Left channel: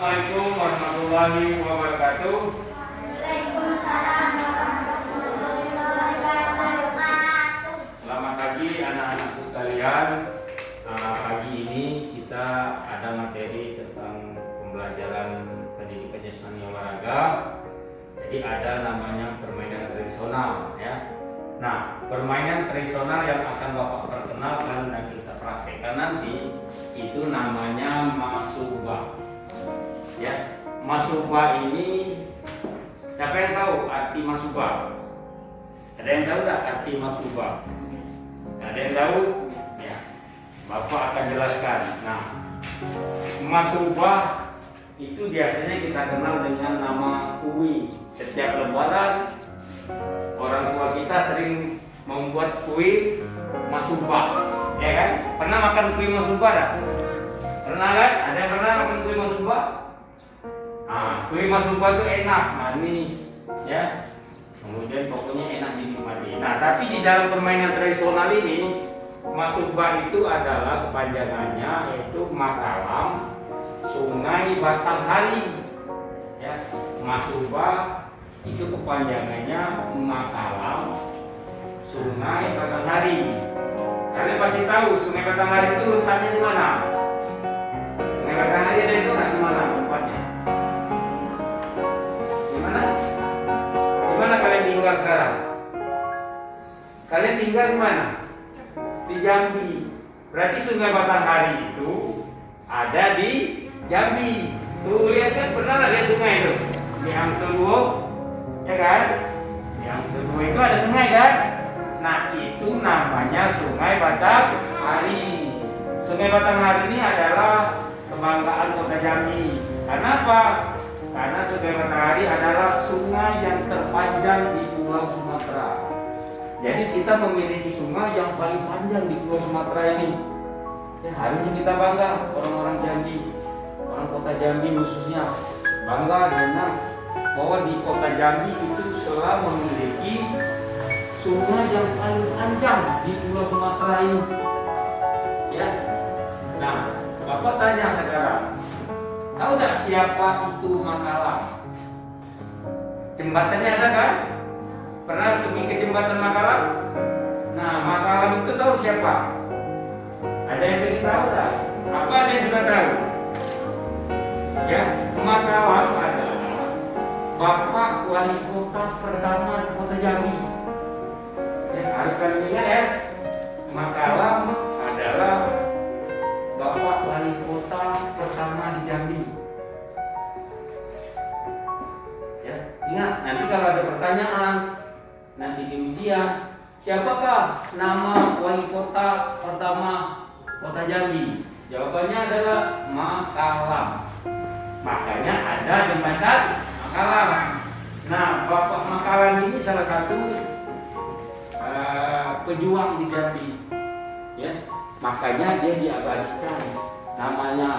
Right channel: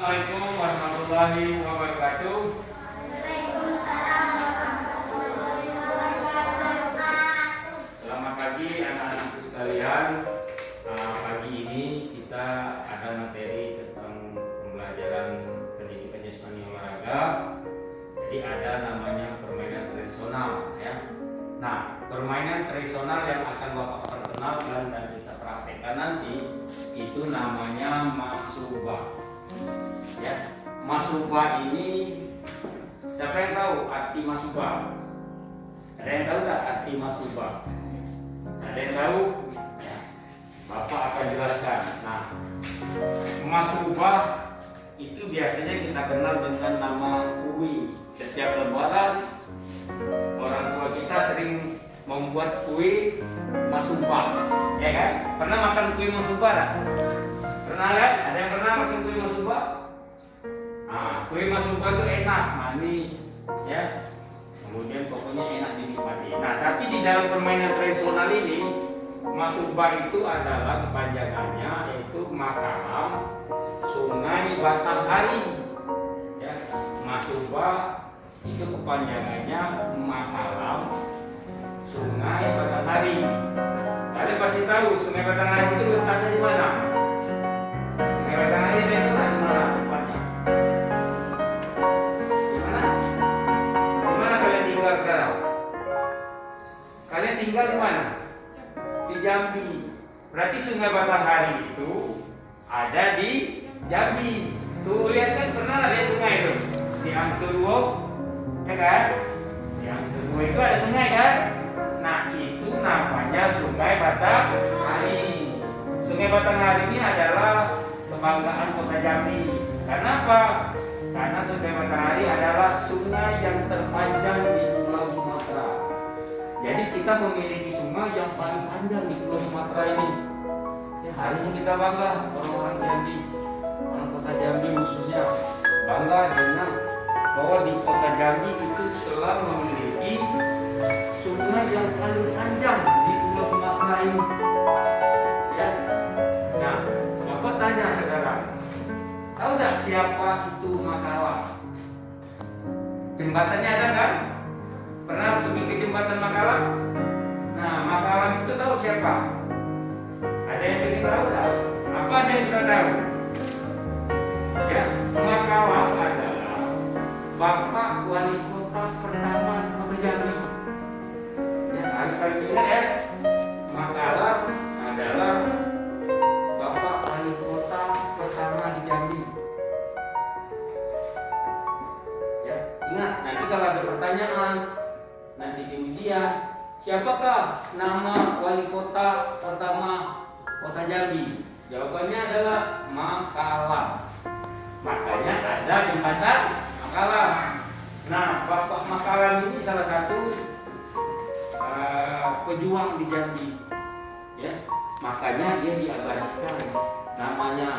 Assalamualaikum warahmatullahi wabarakatuh. Waalaikumsalam warahmatullahi wabarakatuh. Selamat pagi anak-anakku sekalian. Pagi ini kita ada materi tentang pembelajaran pendidikan jasmani olahraga. Jadi ada namanya permainan tradisional ya. Nah, permainan tradisional yang akan Bapak perkenalkan dan kita praktekkan nanti itu namanya masubah. Ya, masubah ini siapa yang tahu arti masubah? Ada yang tahu tak arti masubah? Ada yang tahu? Ya, Bapak akan jelaskan. Nah, masubah itu biasanya kita kenal dengan nama kue. Setiap lebaran orang tua kita sering membuat kue masubah, ya kan? Pernah makan kue masubah tak? Pernah kan? Ada yang pernah makan kue masubah? Kue masubah itu enak, manis, ya. Kemudian pokoknya enak dinikmati. Nah, tapi di dalam permainan tradisional ini, masubah itu adalah kepanjangannya yaitu Makalam Sungai Batanghari. Ya, masubah itu kepanjangannya Makalam Sungai Batanghari. Kalian pasti tahu Sungai Batanghari itu letaknya di mana? Sungai Batanghari ada itu di mana tempatnya? Tinggal sekarang. Kalian tinggal di mana? Di Jambi. Berarti Sungai Batanghari itu ada di Jambi. Tuh lihat kan, pernah nggak lihat sungai itu? Di Angsuruo, ya kan? Di Angsuruo itu ada sungai kan? Nah itu namanya Sungai Batanghari. Sungai Batanghari ini adalah kebanggaan Kota Jambi. Karena apa? Karena Sungai Batanghari adalah sungai yang terpanjang di Pulau Sumatera. Jadi kita memiliki sungai yang paling panjang di Pulau Sumatera ini. Ya, harusnya kita bangga, orang-orang Jambi, orang Kota Jambi khususnya bangga dengan bahwa di Kota Jambi itu selalu memiliki sungai yang paling panjang di Pulau Sumatera ini. Ya, nah, Bapak tanya sekarang. Tahu tidak siapa itu Makalam? Jembatannya ada kan? Pernah pergi ke jembatan Makalam? Nah, Makalam itu tahu siapa? Ada yang ingin tahu tak? Apa ada yang sudah tahu? Ya, Makalam adalah Bapak Wali Kota pertama di Kota Jambi. Ya, harus kalian ingat ya. Makalam adalah Bapak Wali Kota pertama di Jambi. Ya, ingat nanti kalau ada pertanyaan nanti di ujian, siapakah nama wali kota pertama Kota Jambi? Jawabannya adalah Makalam. Makanya ada jembatan Makalam. Nah, Bapak Makalam ini salah satu pejuang di Jambi. Ya, makanya dia diabadikan namanya.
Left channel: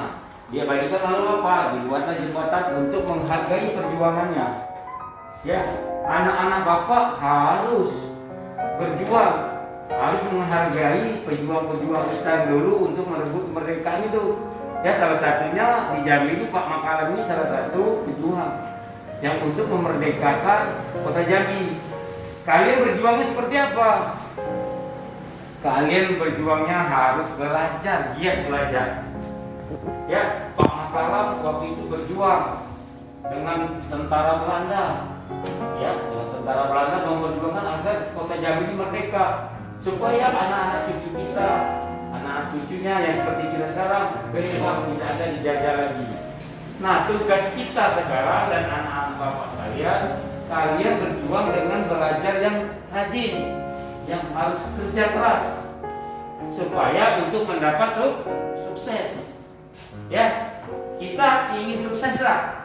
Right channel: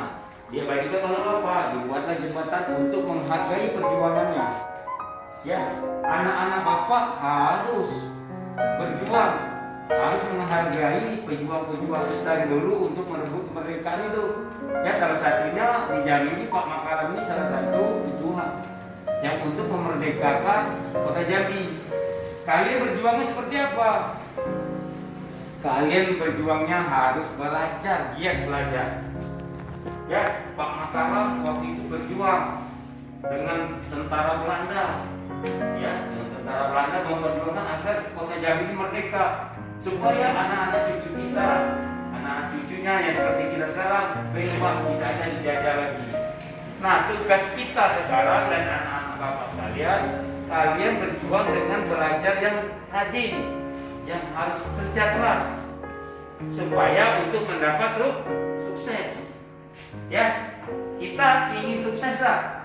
Diabadikan lalu apa? Dibuatlah jembatan untuk menghargai perjuangannya. Ya, anak-anak Bapak harus berjuang, harus menghargai pejuang-pejuang kita yang dulu untuk merebut kemerdekaan itu. Ya, salah satunya di Jambi ini Pak Makalam ini salah satu pejuang yang untuk memerdekakan Kota Jambi. Kalian berjuangnya seperti apa? Kalian berjuangnya harus belajar, giat belajar. Ya, Pak Makalam waktu itu berjuang dengan tentara Belanda. Ya, dengan tentara Belanda memperjuangkan agar Kota Jambi ini merdeka, supaya anak-anak cucu kita, anak-anak cucunya yang seperti kita sekarang bebas, tidak ada dijajah lagi. Nah, tugas kita sekarang dan anak-anak Bapak sekalian, kalian berjuang dengan belajar yang rajin, yang harus kerja keras supaya untuk mendapat sukses. Ya, kita ingin sukses lah.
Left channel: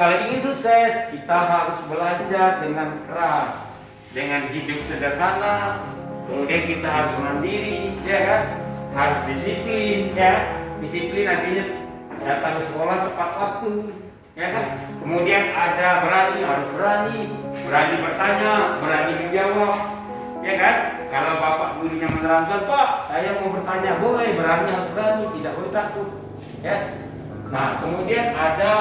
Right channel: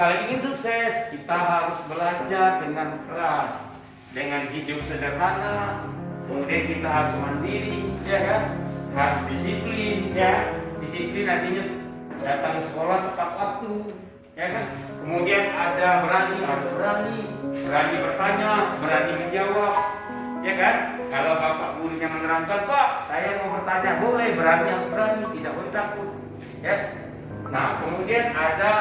Kalau ingin sukses, kita harus belajar dengan keras, dengan hidup sederhana. Kemudian kita harus mandiri, ya kan? Harus disiplin, ya. Disiplin artinya datang ke sekolah tepat waktu, ya kan? Kemudian ada berani, harus berani bertanya, berani menjawab, ya kan? Kalau bapak gurunya menerangkan, Pak, saya mau bertanya, boleh, berani, harus berani, tidak boleh takut, ya. Nah, kemudian ada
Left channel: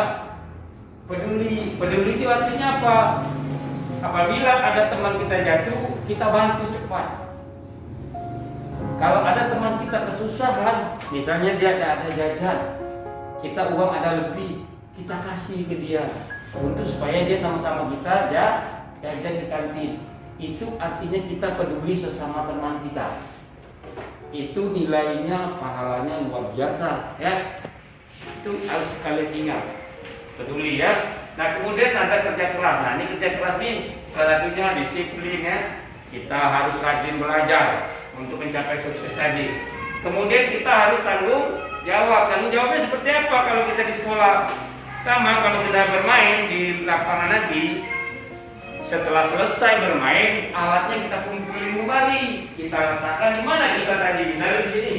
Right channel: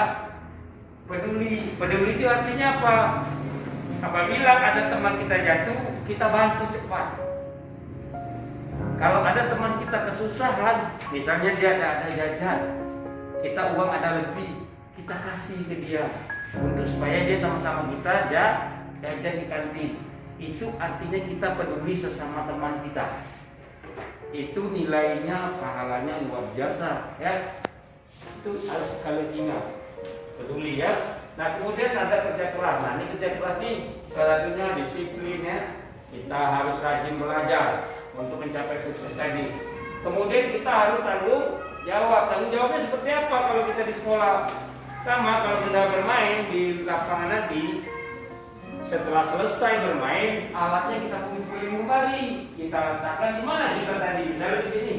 peduli. Peduli itu artinya apa? Apabila ada teman kita jatuh, kita bantu cepat. Kalau ada teman kita kesusahan, misalnya dia ada jajan, kita uang ada lebih, kita kasih ke dia untuk supaya dia sama-sama kita jajan di kantin. Itu artinya kita peduli sesama teman kita. Itu nilainya, pahalanya luar biasa, ya. Itu harus kalian ingat. Peduli, ya. Nah, kemudian ada kerja keras. Nah, ini kerja keras ini salah satunya disiplin, ya. Kita harus rajin belajar untuk mencapai sukses tadi. Kemudian kita harus tanggung jawab. Tanggung jawabnya seperti apa kalau kita di sekolah? Sama kalau sudah bermain di lapangan nanti, setelah selesai bermain, alatnya kita kumpulin kembali. Kita letakkan di mana kita tadi? Misalnya di sini.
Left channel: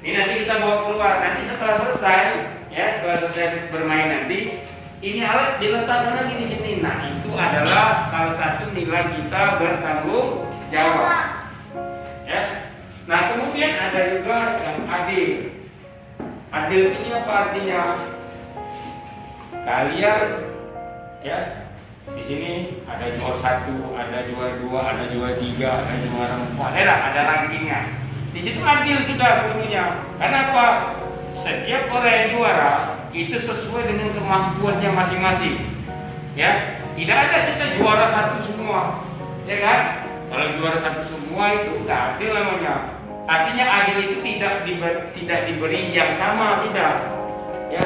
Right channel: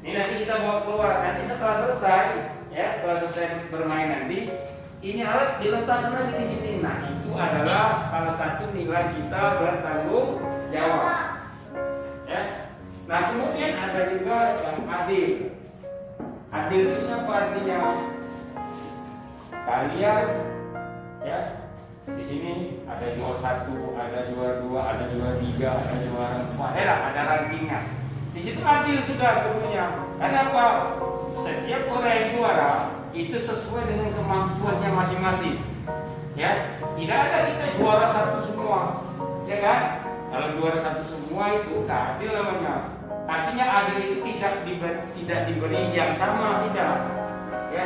Ini nanti kita bawa keluar. Nanti setelah selesai, ya, setelah selesai bermain nanti, ini alat diletakkan lagi di sini. Nah, itu adalah salah satu nilai kita bertanggung jawab. Ya. Nah, kemudian ada juga yang adil. Adil sini apa artinya? Kalian, ya, di sini ada juara 1, ada juara 2, ada juara 3, ada juara 4. Ada rankingnya. Di situ adil sudah gurunya. Kenapa? Setiap orang yang juara itu sesuai dengan kemampuannya masing-masing. Ya, tidak ada kita juara 1 semua, ya kan? Kalau juara 1 semua itu nggak adil namanya. Artinya adil itu tidak diberi yang sama, tidak. Ya,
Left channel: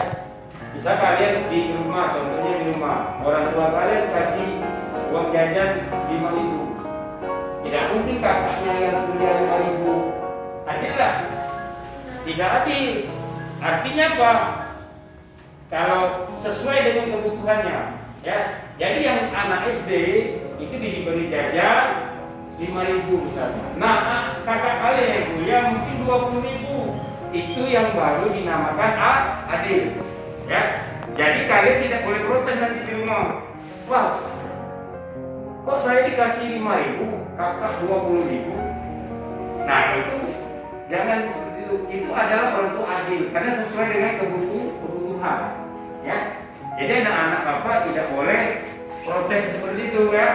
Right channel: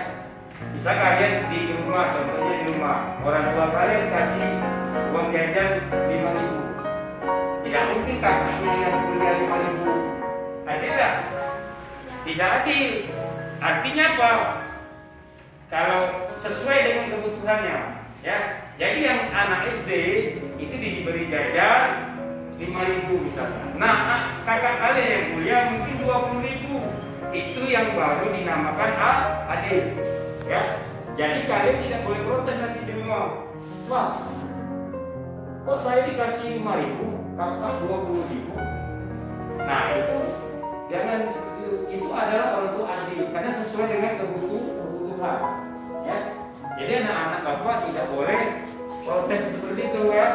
bisa kalian di rumah, contohnya di rumah, orang tua kalian kasih uang jajan 5.000. Tidak mungkin kakaknya yang punya 5.000. Adil tidak? Tidak adil. Artinya apa? Kalau sesuai dengan kebutuhannya, ya. Jadi yang anak SD itu diberi jajan 5.000 misalnya. Nah, kakak kalian yang kuliah mungkin 20.000. Itu yang baru dinamakan adil. Ya. Jadi kalian tidak boleh protes nanti di rumah. Wah, kok saya dikasih 5.000, kakak 20.000? Nah, itu jangan seperti itu. Itu adalah orang tua adil karena sesuai dengan kebutuhan. Ya. Jadi anak-anak bapak tidak boleh protes seperti itu, ya.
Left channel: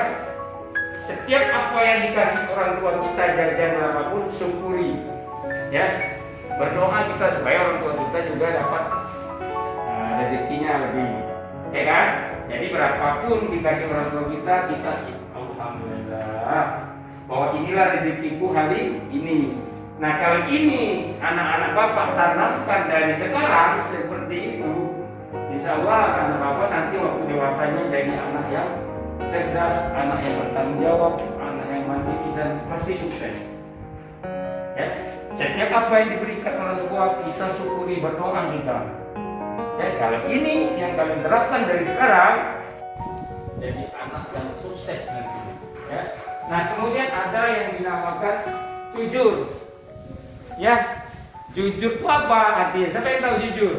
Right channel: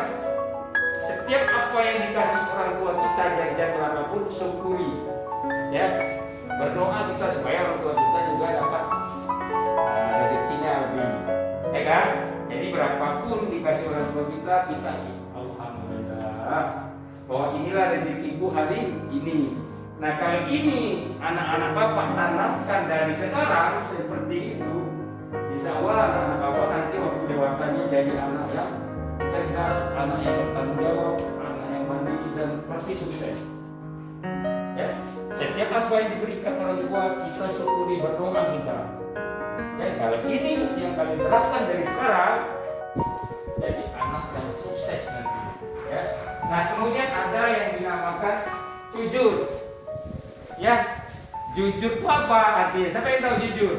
Setiap apa yang dikasih orang tua kita, jajan apapun, syukuri. Ya. Berdoa kita supaya orang tua kita juga dapat rezekinya lebih. Ya kan? Jadi berapapun dikasih orang tua kita alhamdulillah bahwa inilah rezekiku hari ini. Nah, kali ini anak-anak bapak tanamkan dari sekarang seperti itu. Insya Allah anak bapak nanti waktu dewasanya jadi anak yang cerdas, anak yang bertanggung jawab, anak yang mandiri dan pasti sukses. Ya, setiap apa yang diberikan orang tua kita syukuri, berdoa kita. Ya, kalau ini yang kalian terapkan dari sekarang, jadi anak yang sukses nanti. Ya. Nah, kemudian ada yang dinamakan jujur. Ya, jujur itu apa artinya? Siapa yang tahu jujur?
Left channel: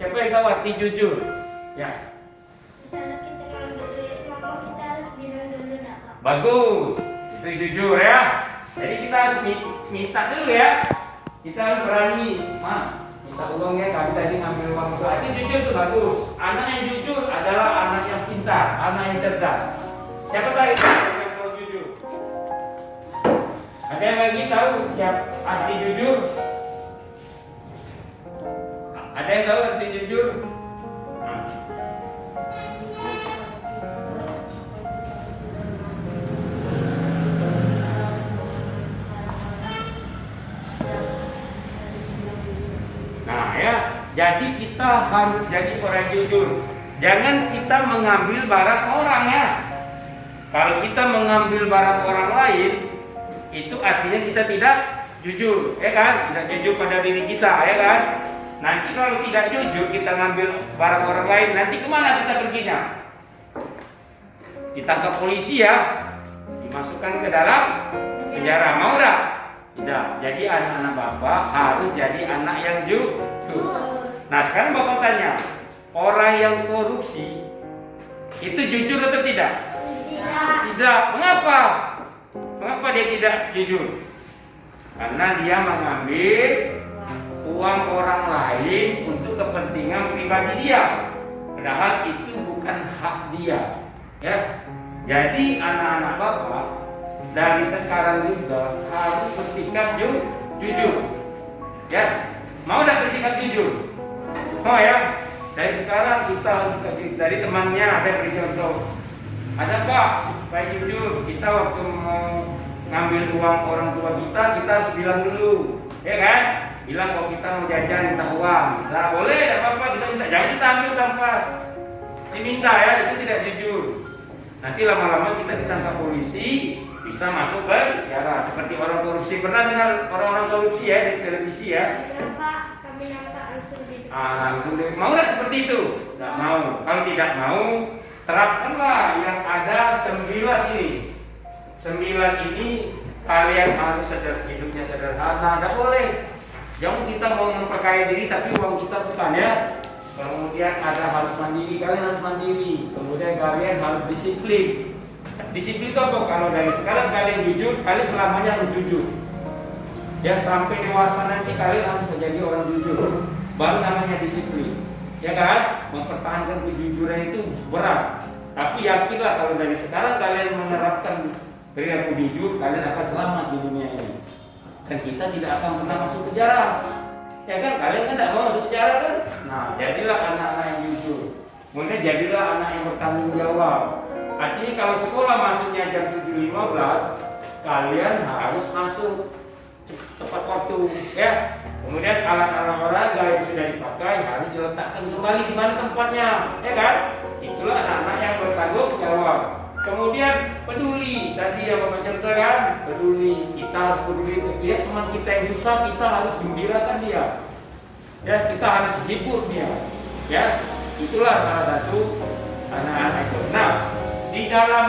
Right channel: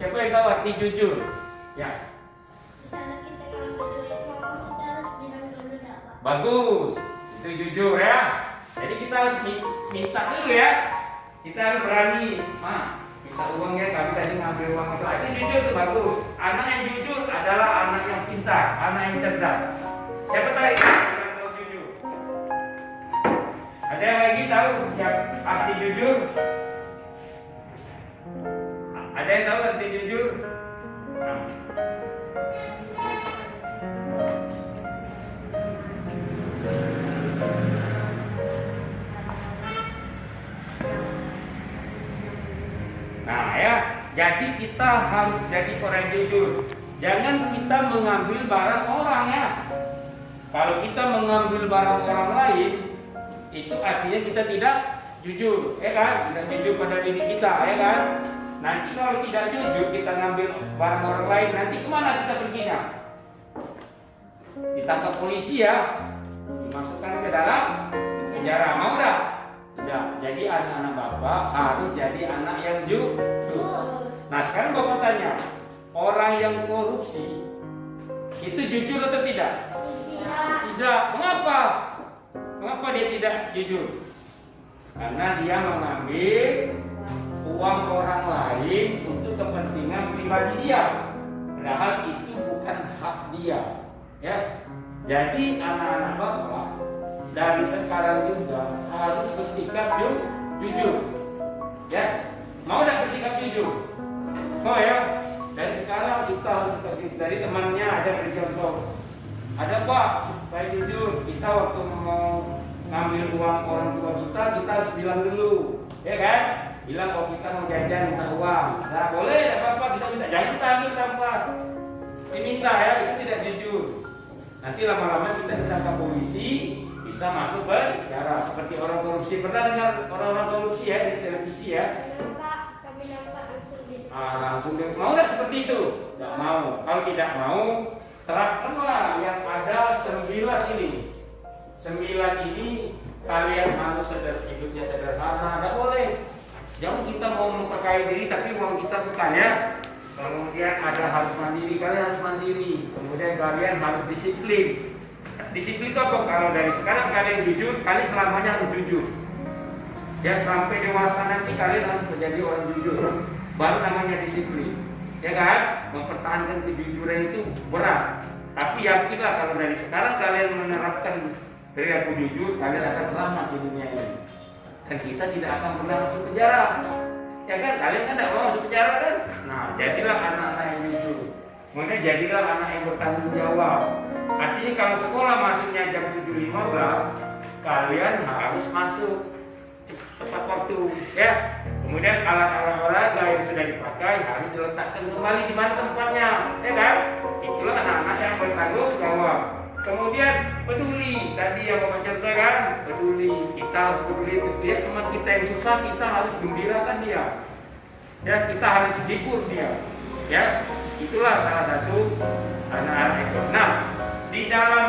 Siapa yang tahu arti jujur? Ya. Misalnya kita ngambil duit mama, kita harus bilang dulu enggak apa. Bagus, itu jujur, ya. Jadi kita harus minta dulu, ya. Kita harus berani, Ma, minta uang ya, kami tadi ngambil uang itu. Arti jujur itu bagus. Anak yang jujur adalah anak yang pintar, anak yang cerdas. Siapa tahu itu yang tahu jujur? Ada yang lagi tahu siapa arti jujur? Ada yang tahu arti jujur? Nah, ya, jadi kita harus jadi orang jujur. Jangan kita mengambil barang orang, ya. Kalau kita mengambil barang orang lain, itu artinya kita tidak jujur, ya kan? Tidak jujur pada diri kita, ya kan? Nanti kalau tidak jujur kita ngambil barang orang lain, nanti kemana kita perginya? Ditangkap polisi, ya, dimasukkan ke dalam penjara. Mau enggak? Tidak. Jadi anak-anak bapak harus jadi anak yang jujur. Nah, sekarang bapak tanya, orang yang korupsi itu jujur atau tidak? Tidak. Mengapa? Mengapa dia tidak jujur? Karena dia mengambil uang orang lain untuk kepentingan pribadi dia, padahal itu bukan hak dia. Ya, jadi anak-anak bapak dari sekarang juga harus bersikap jujur. Ya, mau tidak bersikap jujur? Mau ya? Dari sekarang kita harus dari temannya ada beri contoh. Ada Pak, supaya jujur, kita waktu mau ngambil uang orang tua kita harus bilang dulu, ya kan? Bilang kalau kita mau jajan minta uang, bisa, boleh, tidak apa-apa, kita minta, jangan kita ambil tanpa diminta ya, itu tidak jujur. Nanti lama-lama kita ditangkap polisi, bisa masuk penjara. Seperti orang korupsi, pernah dengar orang-orang korupsi ya di televisi ya? Pak, kami nampak langsung di. Langsung deh. Mau nggak seperti itu? Nggak mau. Kalau tidak mau, terapkanlah yang ada 9 ini. 9 ini kalian harus hidupnya sederhana, nggak boleh. Jangan kita mau memperkaya diri tapi uang kita bukan ya. Kemudian ada harus mandiri, kalian harus mandiri. Kemudian kalian harus disiplin. Disiplin itu apa? Kalau dari sekarang kalian jujur, kalian selamanya harus jujur. Ya sampai dewasa nanti kalian harus menjadi orang jujur. Baru namanya disiplin. Ya kan? Mempertahankan kejujuran itu berat. Tapi yakinlah kalau dari sekarang kalian menerapkan perilaku jujur, kalian akan selamat di dunia ini. Dan kita tidak akan pernah masuk penjara. Ya kan? Kalian kan tidak mau masuk penjara kan? Nah, jadilah anak-anak yang jujur. Kemudian jadilah anak yang bertanggung jawab. Artinya kalau sekolah masuknya jam 7.15, kalian harus masuk tepat waktu, ya. Kemudian alat-alat olahraga yang sudah dipakai harus diletakkan kembali di mana tempatnya, ya kan? Itulah anak-anak yang bertanggung jawab. Kemudian peduli, tadi yang Bapak contohkan, peduli. Kita harus peduli, lihat teman kita yang susah, kita harus gembirakan dia. Ya, kita harus hibur dia. Ya, itulah salah satu anak-anak itu. Nah, di dalam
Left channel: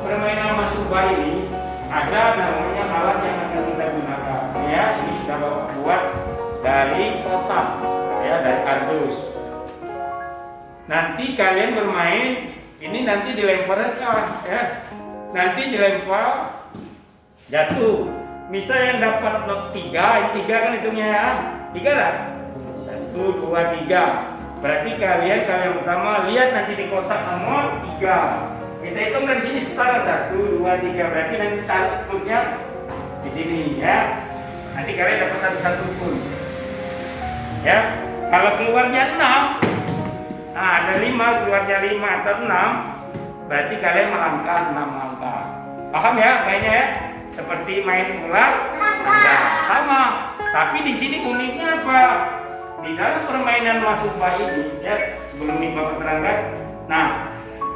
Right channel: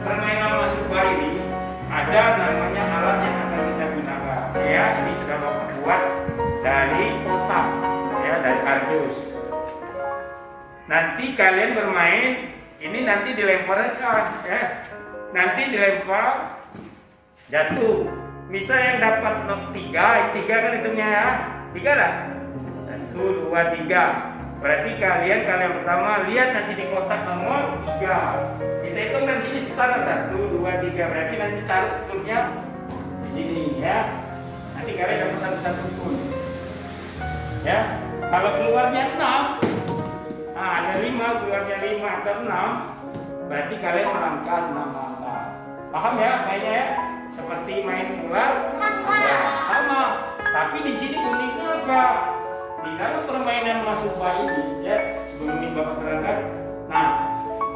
permainan masubah ini ada namanya alat yang akan kita gunakan. Ya, ini sudah Bapak buat dari kotak, ya, dari kardus. Nanti kalian bermain, ini nanti dilemparkan, ya. Nanti dilempar, jatuh. Misal yang dapat not 3, 3 kan hitungnya ya. 3 lah. 1, 2, 3. Berarti kalian pertama lihat nanti di kotak nomor 3. Kita hitung dari sini setara 1, 2, 3. Berarti nanti taruh kunnya di sini ya. Nanti kalian dapat satu kun. Ya. Kalau keluarnya 6, nah ada 5, keluarnya 5 atau 6, berarti kalian melangkah 6 langkah. Paham ya mainnya ya? Seperti main ular tangga. Sama. Tapi di sini uniknya apa? Di dalam permainan masubah ini, ya, sebelum ini Bapak terangkan. Nah,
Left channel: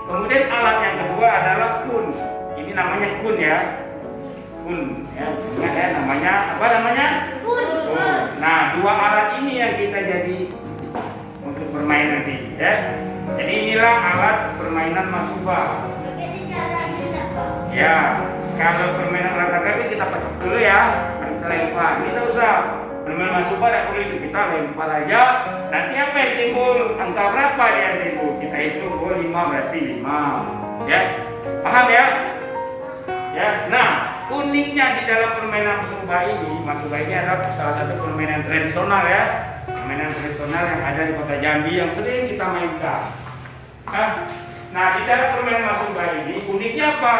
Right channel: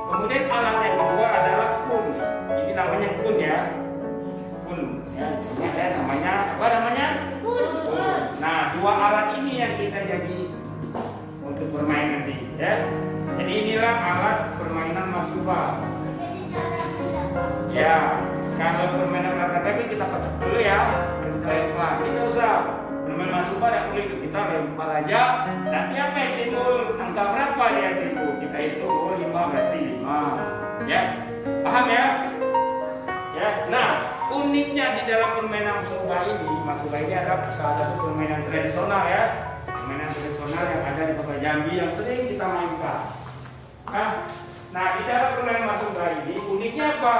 kemudian alat yang kedua adalah kun. Ini namanya kun ya. Kun, ya. Ingat ya namanya apa namanya? Kun. Nah, 2 alat ini yang kita jadi untuk bermain nanti, ya. Jadi inilah alat permainan masubah. Oke, tidak ada Pak. Ya, kalau permainan olahraga itu kita pecah dulu ya, kita lempar. Ini tidak usah. Permainan masubah tidak boleh itu, kita lempar aja. Nanti apa yang timbul? Angka berapa yang timbul? Kita hitung, 5 berarti 5. Ya, paham ya? Ya, nah uniknya di dalam permainan masubah ini adalah salah satu permainan tradisional ya. Permainan tradisional yang ada di Kota Jambi yang sering kita mainkan. Nah, di dalam permainan masubah ini uniknya apa?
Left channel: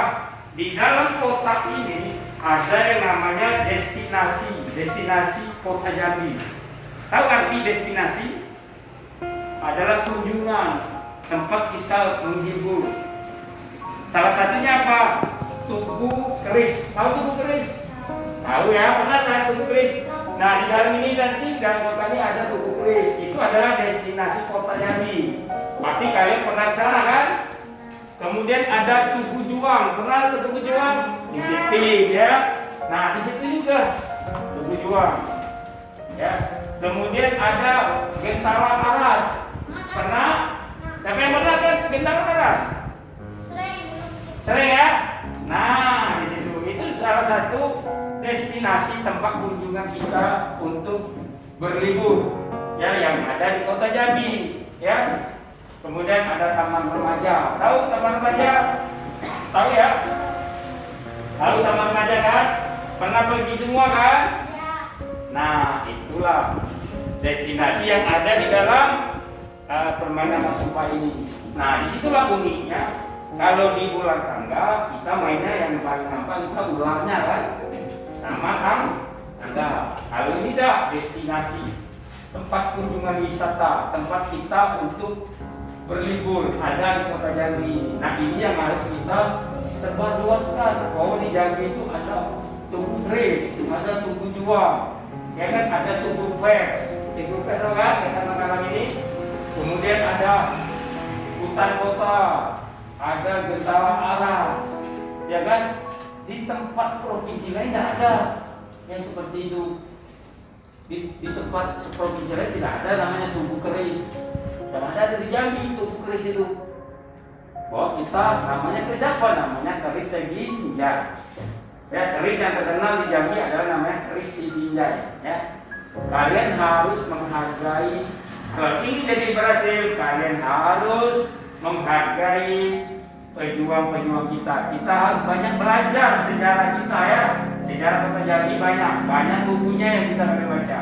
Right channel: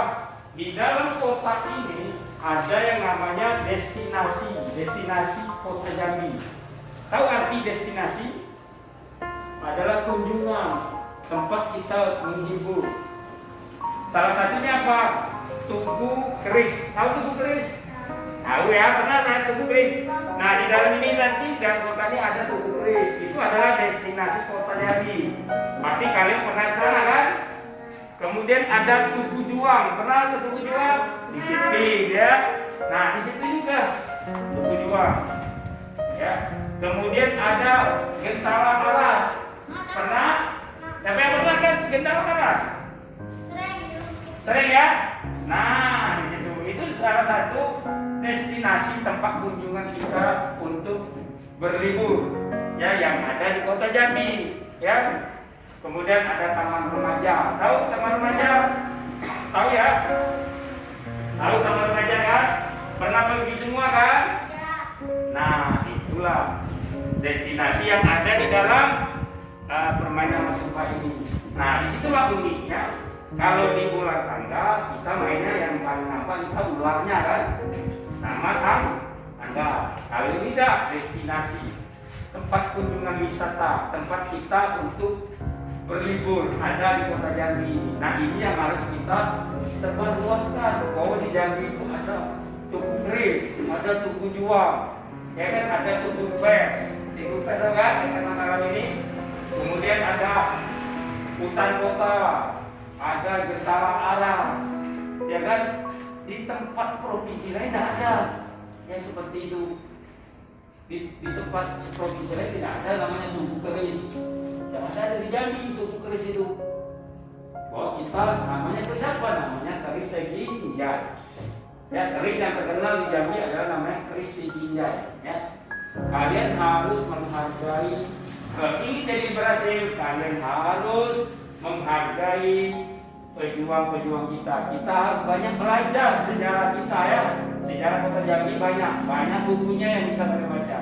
Di dalam kotak ini ada yang namanya destinasi Kota Jambi. Tahu arti destinasi? Adalah kunjungan, tempat kita menghibur. Salah satunya apa? Tugu Keris. Tahu Tugu Keris? Tahu ya, pernah kan Tugu Keris? Nah, di dalam ini nanti dalam kota ini ada Tugu Keris. Itu adalah destinasi Kota Jambi. Pasti kalian pernah ke sana kan? Kemudian ada Tugu Juang. Pernah ke Tugu Juang? Di situ ya. Nah, di situ juga Tugu Juang. Ya. Kemudian ada Gentala Aras. Pernah? Siapa yang pernah ke Gentala Aras? Sering ya? Nah, di situ itu salah satu destinasi tempat kunjungan kita untuk berlibur. Ya, yang ada di Kota Jambi, ya. Kemudian ada Taman Remaja. Tahu Taman Remaja? Tahu ya? Tahu Taman Remaja kan? Pernah pergi semua kan? Nah, itulah destinasi yang ada di dalam permainan Masuba ini. Nah, disitulah uniknya. Kalau di bulan tanggal kita mainnya yang paling nampak kita ularnya kan, sama tanggal. Kalau ini dah destinasi, tempat kunjungan wisata, tempat kita untuk berlibur ada di Kota Jambi ini. Nah, ini yang harus kita sebarluaskan. Bahwa di Jambi itu ada Tugu Keris, ada Tugu Juang, ya kan, ada Tugu Pers, Tugu Pers kan, ya kan malam ini. Kemudian ada hutan kota, ada Gentalang Alas, ya kan. Di tempat provinsi lain tidak ada yang seperti itu. Di tempat provinsi lain tidak ada namanya Tugu Keris. Dan ada di Jambi Tugu Keris itu. Bahwa kita namanya keris apa? Namanya keris Segi Binjai. Ya, keris yang terkenal di Jambi adalah namanya keris Segi Binjai. Ya. Kalian harus menghargai. Kalau ini jadi berhasil, kalian harus menghargai pejuang-pejuang kita. Kita harus banyak belajar sejarah kita ya. Sejarah Kota Jambi banyak bukunya yang bisa kalian baca.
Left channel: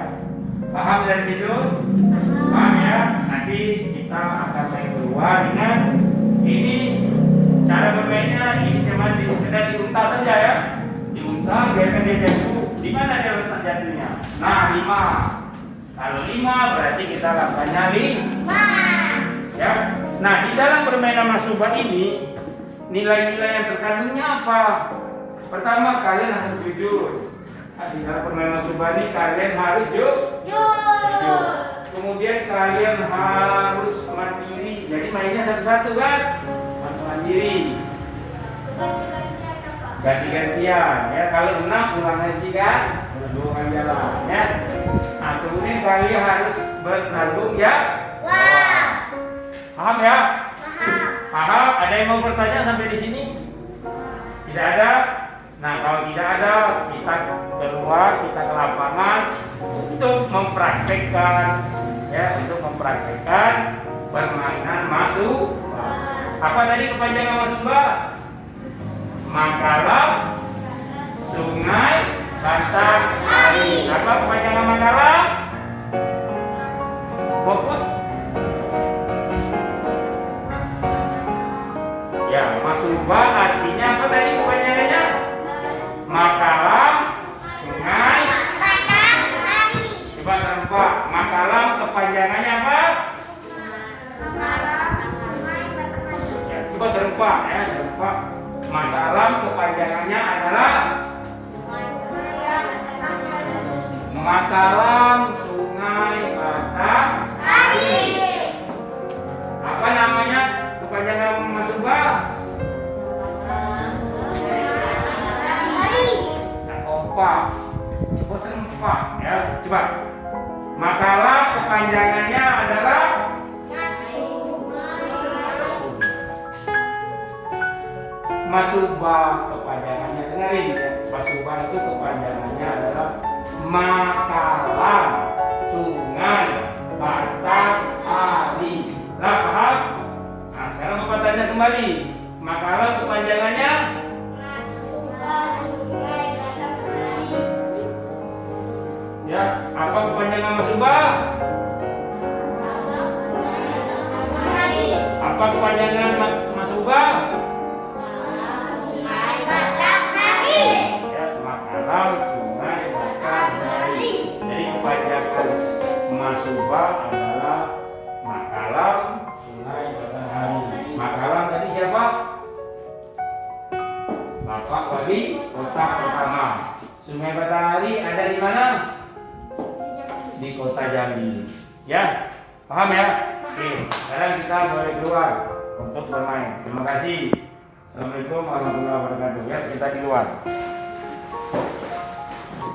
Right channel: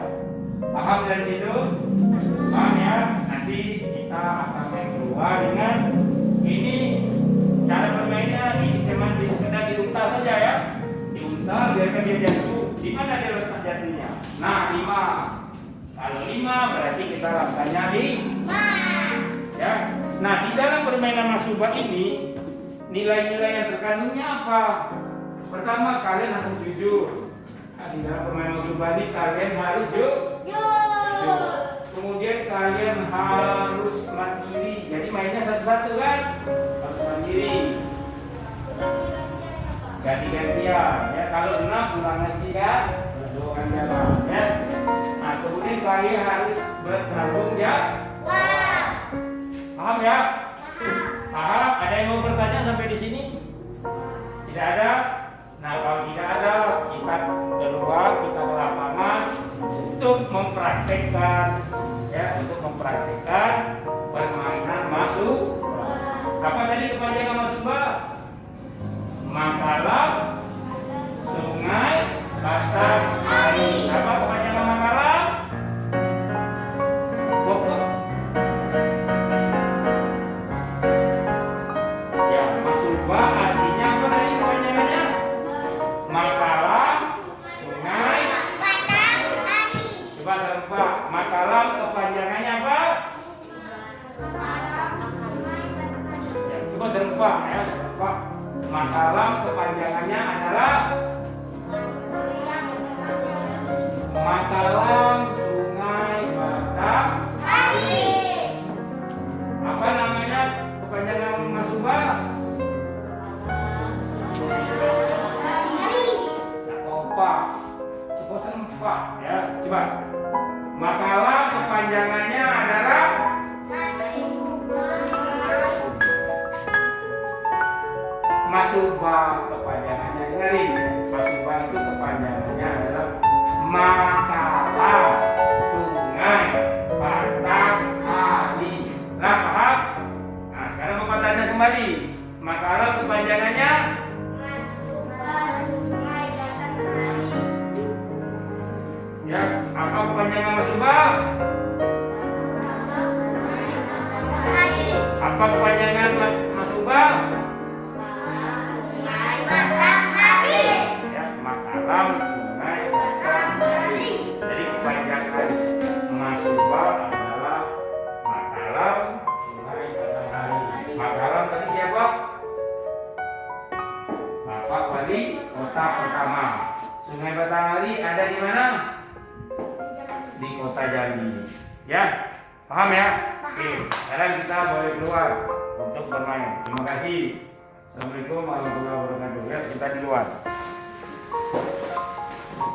Paham dari situ? Paham ya? Nanti kita akan naik keluar dengan ini cara bermainnya. Ini cuma sekedar diunta saja ya. Diunta biarkan dia jatuh. Di mana dia letak jatuhnya? Nah, 5. Kalau 5 berarti kita langkahnya 5. Ya. Nah, di dalam permainan Masuba ini nilai-nilai yang terkandungnya apa? Pertama, kalian harus jujur. Nah, di dalam permainan Masuba ini kalian harus jujur. Kemudian kalian harus mandiri. Jadi mainnya satu-satu kan? Harus mandiri. Ganti-gantian ya. Kalau 6 ulang lagi kan? Dua jalan ya. Nah, kemudian kalian harus bertanggung ya. Paham ya? Paham? Ada yang mau bertanya sampai di sini? Tidak ada? Nah, kalau tidak ada, kita keluar, kita ke lapangan untuk mempraktekkan ya, untuk mempraktekkan permainan Masuba. Apa tadi kepanjangan Masuba? Makalam, Sungai, Batang, Hari. Apa kepanjangan Makalam? Pokok? Ya, Masuba artinya apa tadi kepanjangannya? Makalam, Sungai, Batang, Hari. Coba serempak. Makalam kepanjangannya apa? Ya, coba serempak ya, serempak. Makalam kepanjangannya adalah Makalam, Sungai, Batang, Hari. Apa namanya kepanjangan Masuba? Opa. Coba serempak ya, coba. Makalam kepanjangannya adalah Masuba kepanjangannya, dengerin ya. Masuba itu kepanjangannya adalah Makalam, Sungai, Batang, Hari. Lah, paham? Nah, sekarang Bapak tanya kembali. Makalam kepanjangannya ya, apa kepanjangan Masuba? Apa kepanjangan Masuba? Ya, Makalam, Sungai, Batang, Hari. Jadi kepanjangan Masuba adalah Makalam, Sungai, Batang, Hari. Makalam tadi siapa? Bapak Wali Kota pertama. Sungai Batang ada di mana? Di Kota Jambi. Ya, paham ya? Oke, sekarang kita boleh keluar untuk bermain. Terima kasih. Assalamualaikum warahmatullahi wabarakatuh. Ya, kita di luar.